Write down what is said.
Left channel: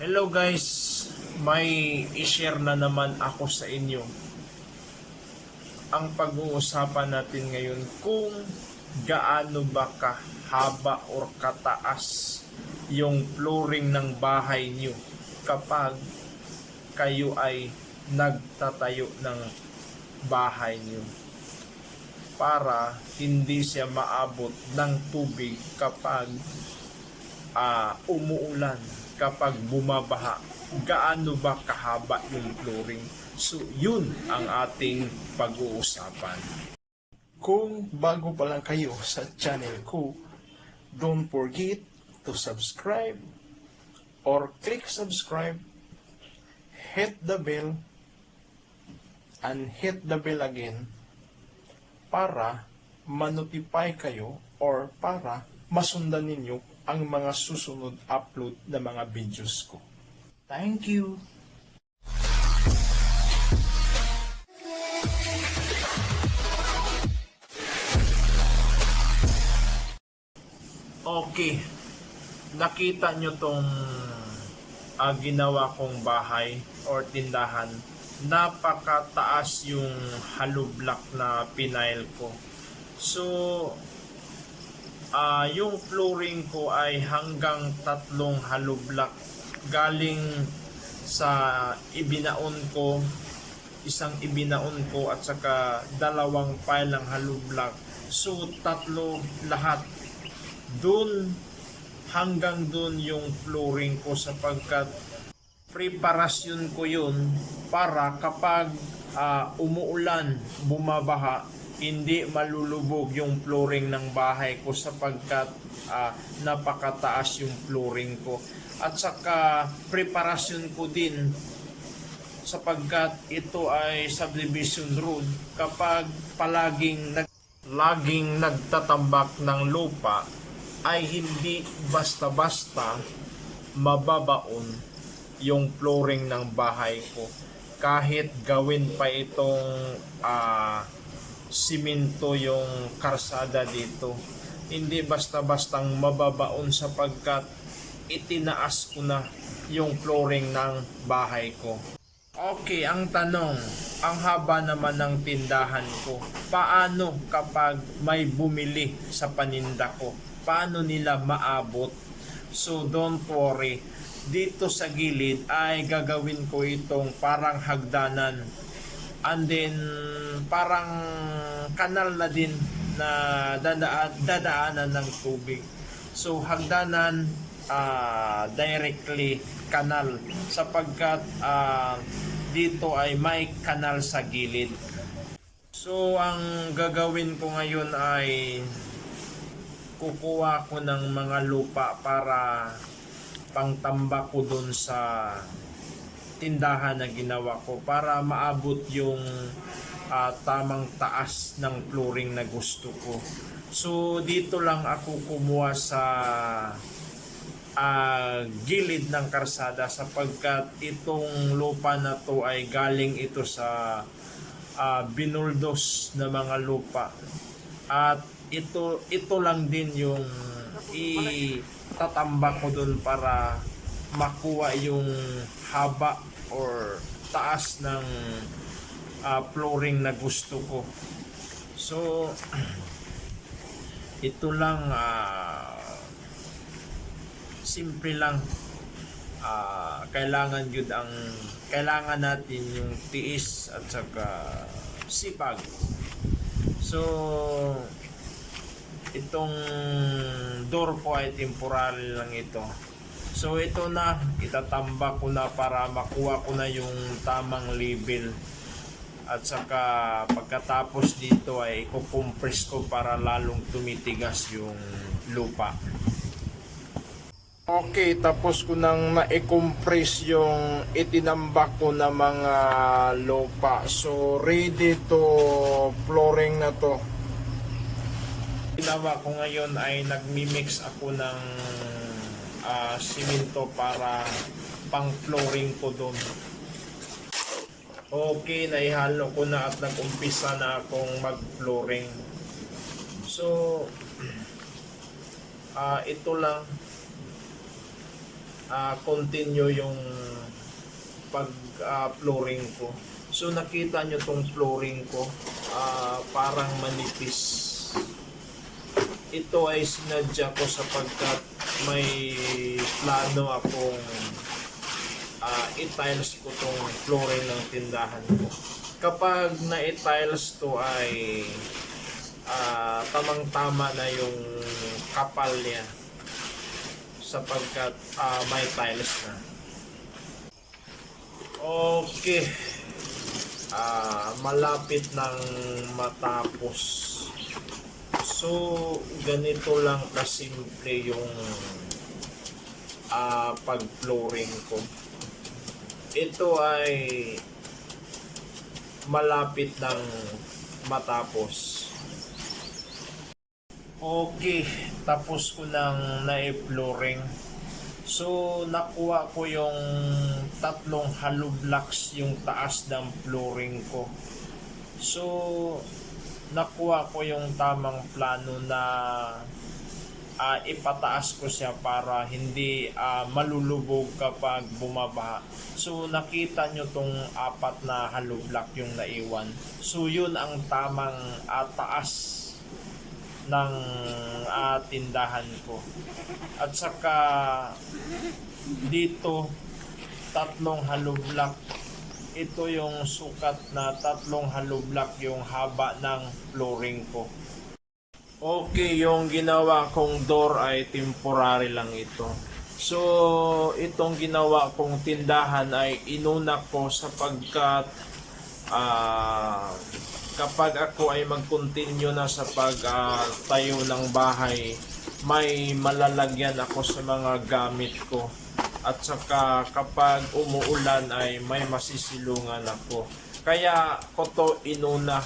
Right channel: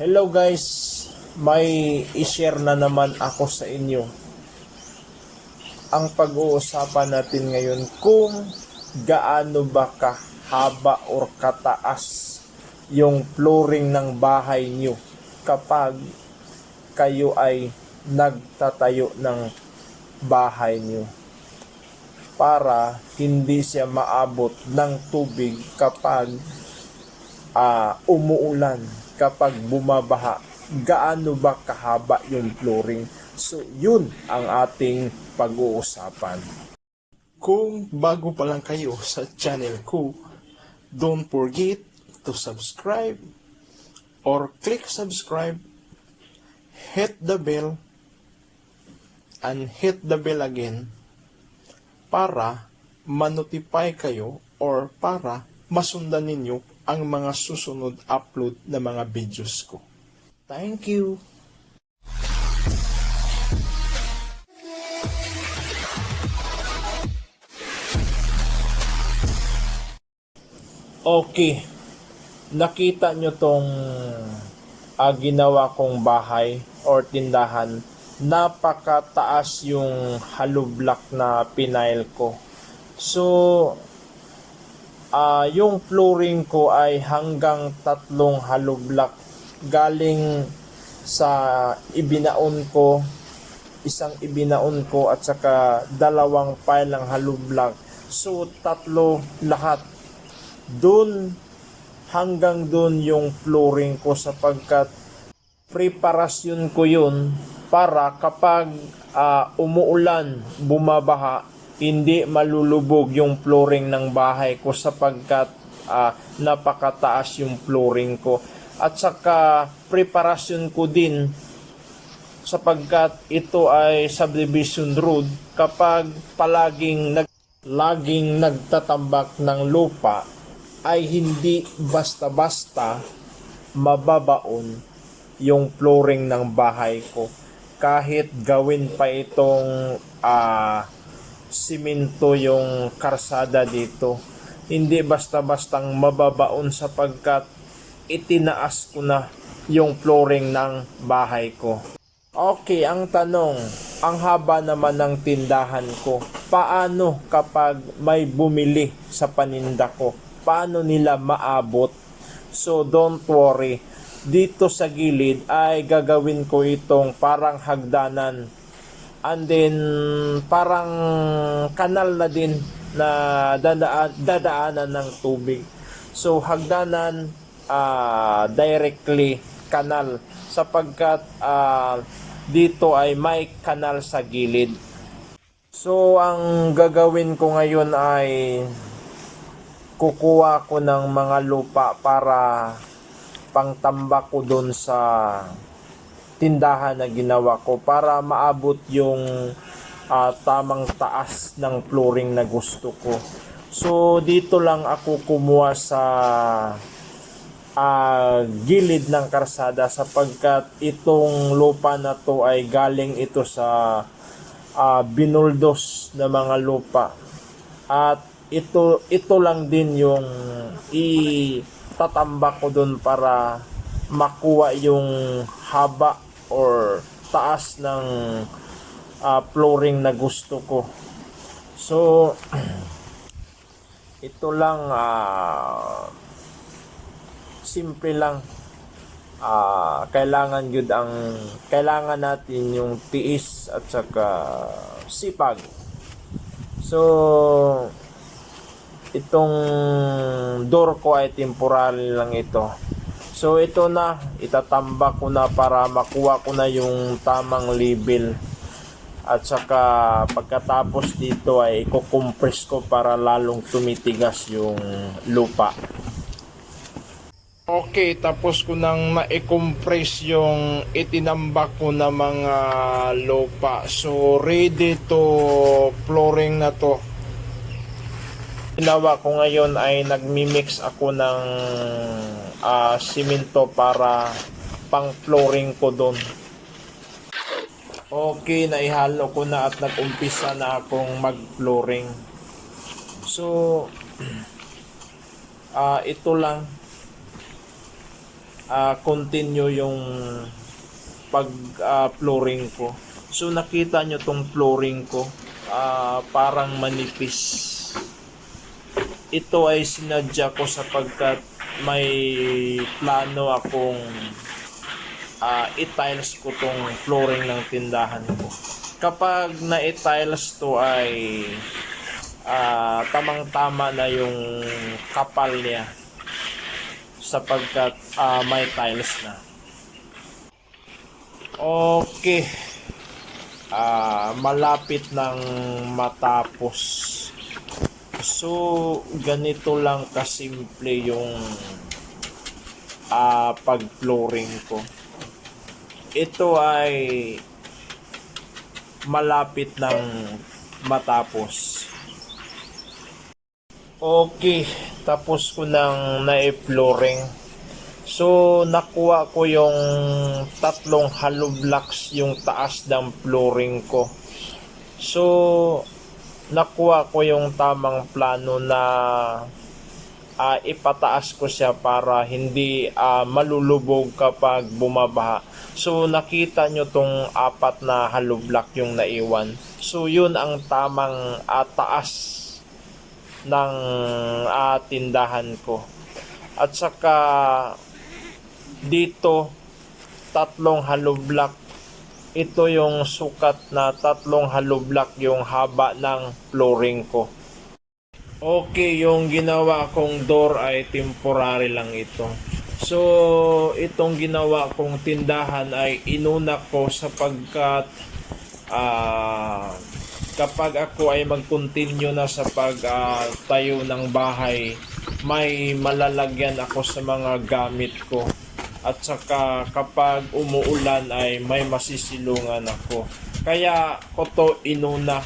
Hello guys, may i-share na naman ako sa inyo. Ang pag-uusapan natin ngayon kung gaano ba kahaba or kataas yung flooring ng bahay nyo kapag kayo ay nagtatayo ng bahay nyo para hindi siya maabot ng tubig kapag ah, umuulan kapag bumabaha, gaano ba kahaba yung flooring? So, yun ang ating pag-uusapan. Kung bago pa lang kayo sa channel ko, don't forget to subscribe or click subscribe, hit the bell, and hit the bell again para manotify kayo or para masundan ninyo ang mga susunod upload na mga videos ko. Thank you! Okay. Nakita nyo tong ah, ginawa kong bahay or tindahan. Napakataas yung hollow block na pinail ko. So, ah yung flooring ko ay hanggang tatlong hollow block. Galing sa ibinaon ko isang ibinaon ko at saka dalawang pile ng hollow block. So tatlo lahat. Doon hanggang doon yung flooring ko sapagkat preparasyon ko yun para kapag ah, umuulan, bumabaha, hindi malulubog yung flooring ng bahay ko sapagkat ah, napakataas yung flooring ko. At saka preparasyon ko din sapagkat ito ay subdivision road kapag palaging nag laging nagtatambak ng lupa ay hindi basta-basta mababaon yung flooring ng bahay ko kahit gawin pa itong ah simento yung karsada dito hindi basta-bastang mababaon sapagkat itinaas ko na yung flooring ng bahay ko Okay, ang tanong, ang haba naman ng tindahan ko, paano kapag may bumili sa paninda ko? Paano nila maabot? So don't worry, dito sa gilid ay gagawin ko itong parang hagdanan. And then parang kanal na din na dadaan, dadaanan ng tubig. So hagdanan ah, directly kanal sapagkat ah, dito ay may kanal sa gilid. So ang gagawin ko ngayon ay kukuha ko ng mga lupa para pangtambak ko doon sa tindahan na ginawa ko para maabot yung ah, tamang taas ng flooring na gusto ko. So dito lang ako kumuha sa ah, gilid ng karsada sapagkat itong lupa na to ay galing ito sa ah, binuldos na mga lupa at ito ito lang din yung itatambak ko doon para makuha yung haba or taas ng ah, flooring na gusto ko. So ito lang ah simple lang. Ah kailangan yun ang kailangan natin yung tiis at saka sipag. So itong door ko ay temporary lang ito so ito na itatambak ko na para makuha ko na yung tamang level at saka pagkatapos dito ay i-compress ko para lalong tumitigas yung lupa Okay, tapos ko nang na-compress yung itinambak ko na mga lupa. So, ready to flooring na to. Ginawa ko ngayon ay nagmi-mix ako ng ah, simento para pang flooring ko doon. Okay, naihalo ko na at nag-umpisa na akong mag-flooring. So, ah ito lang ah, continue yung pag ah, flooring ko. So nakita nyo tong flooring ko, ah, parang manipis. Ito ay sinadya ko sapagkat may plano akong ah, i-tiles ko tong flooring ng tindahan ko. Kapag na-tiles to ay ah, tamang-tama na yung kapal niya sapagkat ah, may tiles na. Okay. Ah, malapit ng matapos. So, ganito lang kasimple yung ah, pag-flooring ko. Ito ay malapit ng matapos. Okay, tapos ko nang na-flooring. So, nakuha ko yung tatlong hollow blocks yung taas ng flooring ko. So, nakuha ko yung tamang plano na ah, ipataas ko siya para hindi ah, malulubog kapag bumabaha. So, nakita nyo tong apat na hollow block yung naiwan. So, yun ang tamang ah, taas ng ah, tindahan ko. At saka dito tatlong hollow block. Ito yung sukat na tatlong hollow block yung haba ng flooring ko. Okay, yung ginawa kong door ay temporary lang ito. So, itong ginawa kong tindahan ay inuna ko sapagkat ah kapag ako ay mag-continue na sa pag-tayo ng bahay, may malalagyan ako sa mga gamit ko. At saka kapag umuulan ay may masisilungan ako. Kaya ko to inuna